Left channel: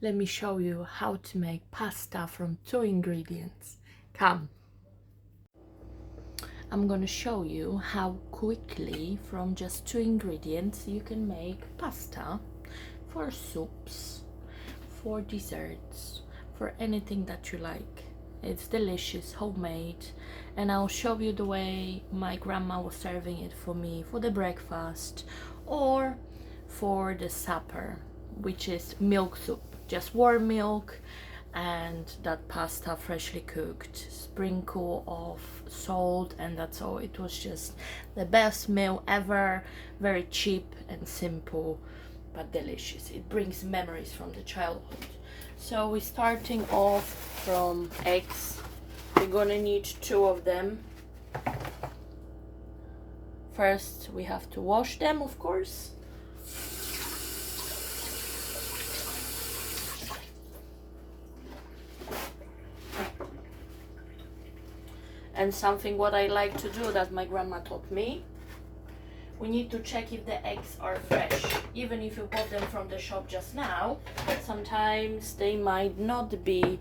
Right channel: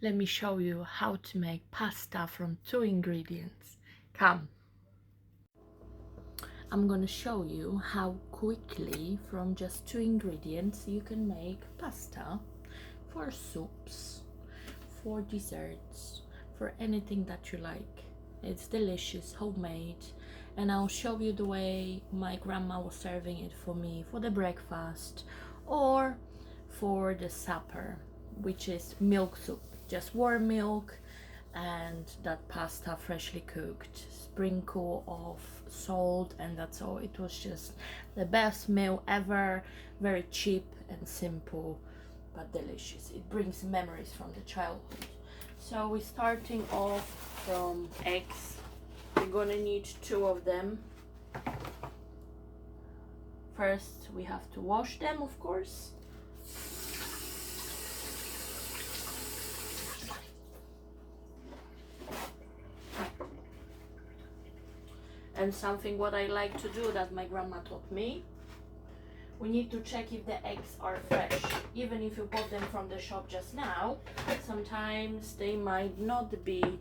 Let me show you how to make pasta from 2 ingredients. Come. I'm gonna show you how quickly from just 2 ingredients you can make pasta for soups, for desserts, for anything that you like. It's delicious, homemade, and I'll show you the way my grandma was serving it for me for the breakfast or for the supper, which is milk soup, just warm milk and that pasta freshly cooked, sprinkle of salt, and that's all. It was just the best meal ever, very cheap and simple but delicious. It brings memories from the childhood. So we're starting off from eggs. We're gonna need 2 of them. First we have to wash them, of course. And something what I like to do that my grandma taught me, we need to check if the eggs are fresh. Even if you bought them from the shop just now, sometimes they might not be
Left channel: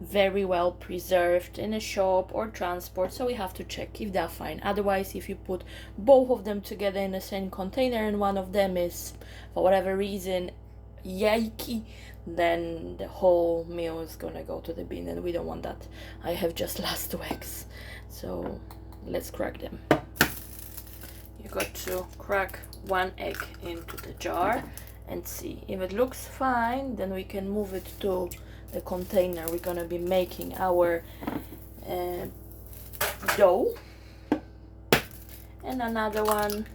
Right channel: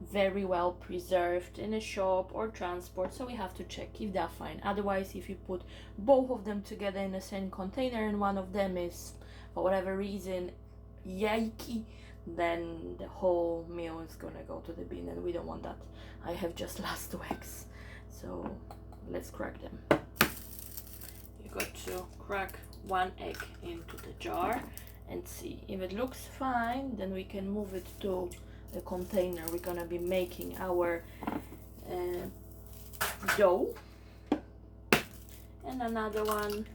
very well preserved in a shop or transport, so we have to check if they're fine. Otherwise, if you put both of them together in the same container and one of them is, for whatever reason, yikey, then the whole meal is gonna go to the bin, and we don't want that. I have just last 2 eggs, so let's crack them. You got to crack 1 egg into the jar and see if it looks fine. Then we can move it to the container we're gonna be making our dough. And another one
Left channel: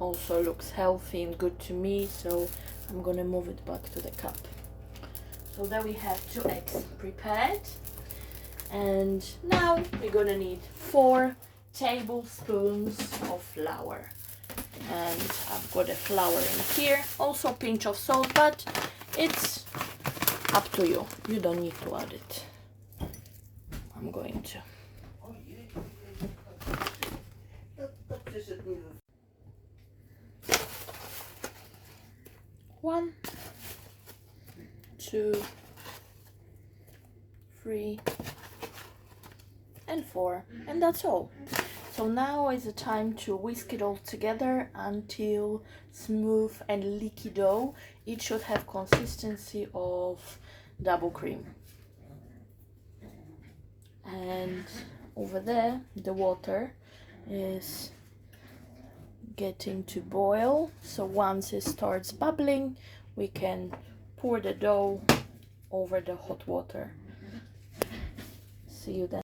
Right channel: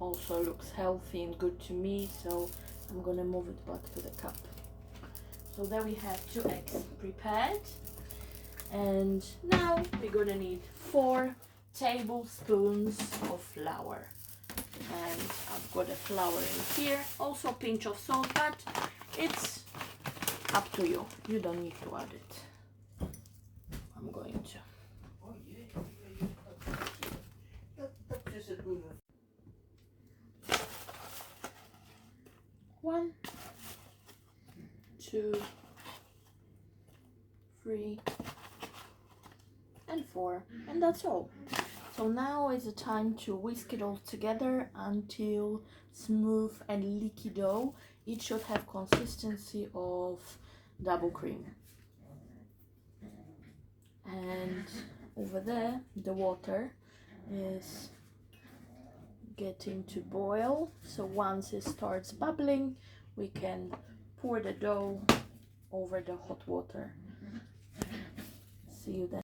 also looks healthy and good to me, so I'm gonna move it back to the cup. So there we have 2 eggs prepared, and now we're gonna need 4 tablespoons of flour, and I've got a flour in here, also a pinch of salt, but it's up to you. You don't need to add it. I'm going to. 1, 2, 3, and 4, and that's all. So now is the time to whisk it all together until smooth and leaky dough. It should have consistency of double cream. And over there the water is getting to boil, so once it starts bubbling we can pour the dough over the hot water. See you then.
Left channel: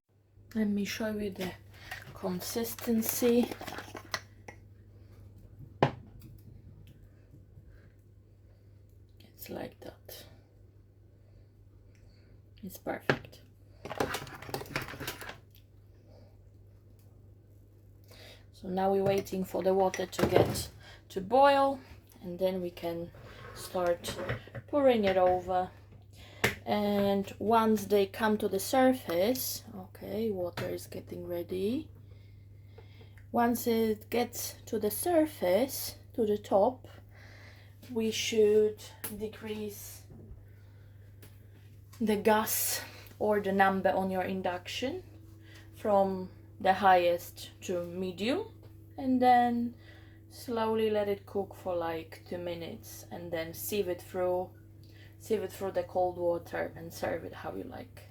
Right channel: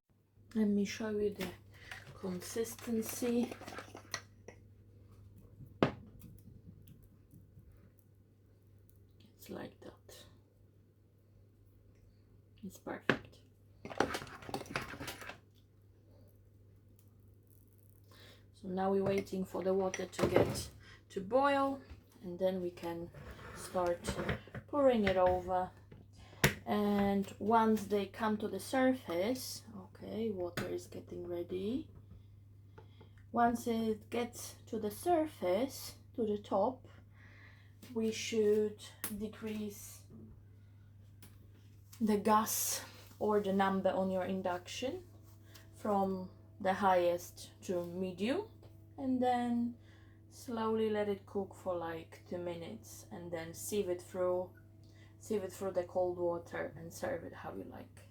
Let me show you the consistency. It's like that. It's perfect. So now we're waiting for the water to get to boil, and then we can start pouring it over. And once they come to the surface, okay, water is getting ready. Once it gets to the surface, to the top, we should decrease the gas or the number on your induction from the highest to medium, and then slowly let it cook for like 2 minutes, and then sieve it through the cold water and serve it how you like.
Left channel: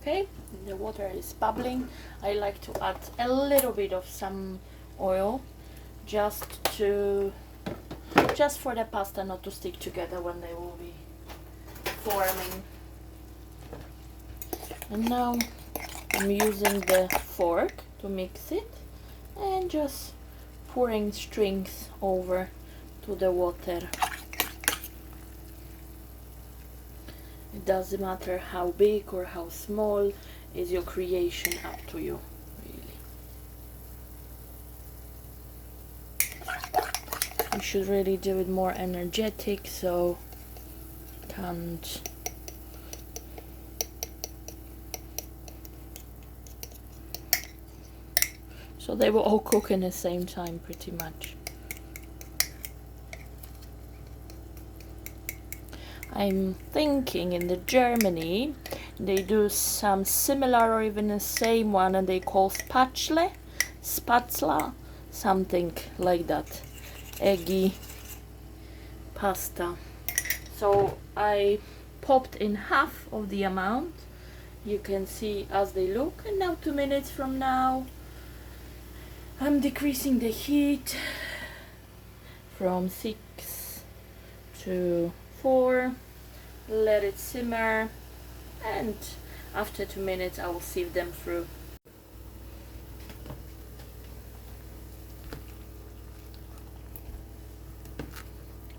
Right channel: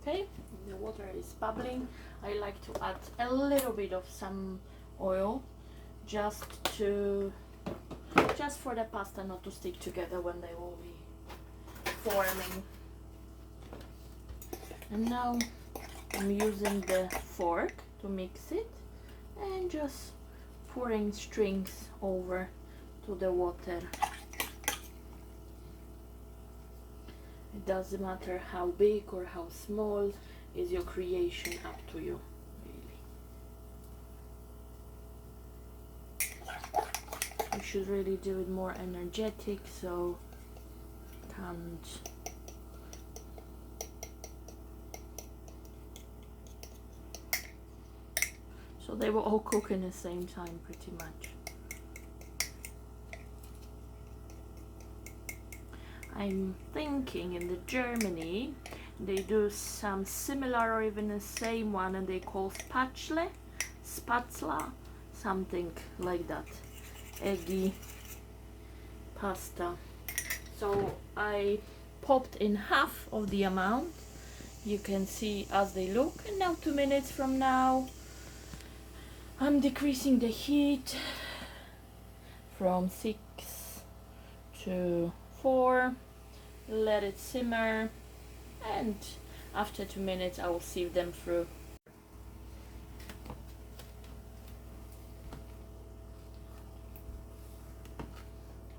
Okay, the water is bubbling. I like to add a little bit of some oil just for the pasta not to stick together when they will be forming. And now I'm using the fork to mix it and just pouring strings over to the water. It doesn't matter how big or how small, is your creation, up to you, really. You should really do it more energetic, so can't. So they will all cook in the same time pretty much. I'm thinking in the Germany they do some similar or even the same one, and they call spatzla, something like that, eggy pasta. So I popped in half of the amount. You can see as they look, and now 2 minutes from now I'm decreasing the heat from 6 to 4, let it simmer, and after 2 minutes I will sieve them through.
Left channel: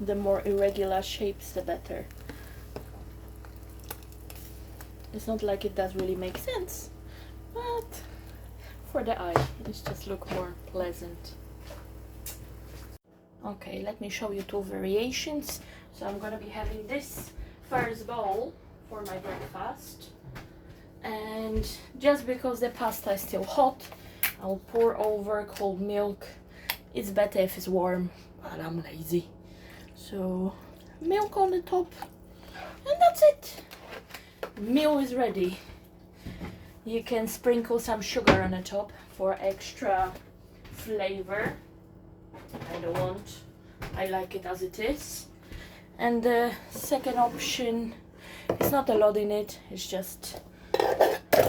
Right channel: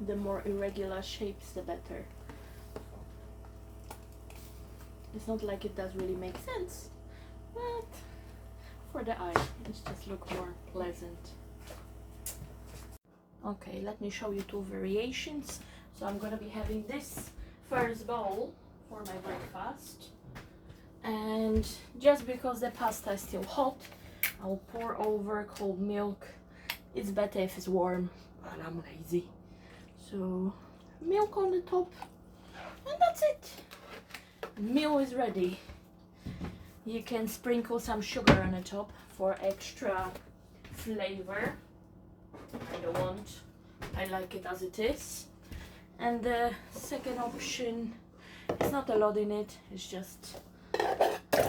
The more irregular shapes, the better. It's not like it does really make sense, but for the eye, it just looks more pleasant. Okay, let me show you 2 variations. So I'm gonna be having this first bowl for my breakfast, and just because the pasta is still hot, I'll pour over cold milk. It's better if it's warm, but I'm lazy. So milk on the top, and that's it. Meal is ready. You can sprinkle some sugar on the top for extra flavor. I don't want, I like it as it is. And the second option, it's not a lot in it, it's just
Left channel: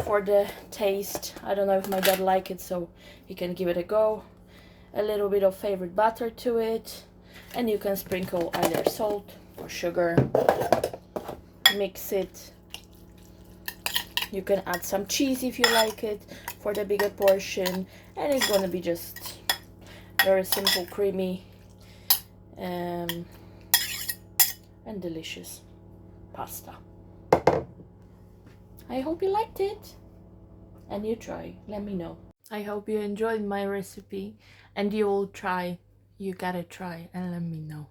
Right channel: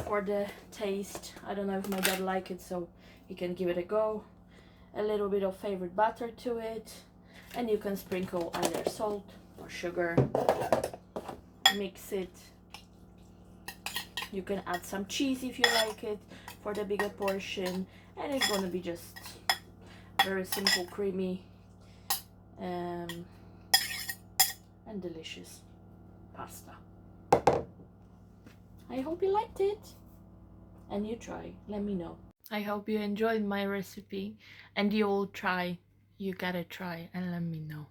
for the taste. I don't know if my dad like it, so he can give it a go. A little bit of favorite butter to it, and you can sprinkle either salt or sugar. Mix it. You can add some cheese if you like it for the bigger portion, and it's gonna be just very simple, creamy, and delicious pasta. I hope you liked it, and you try, let me know. I hope you enjoyed my recipe, and you all try. You gotta try and let me know.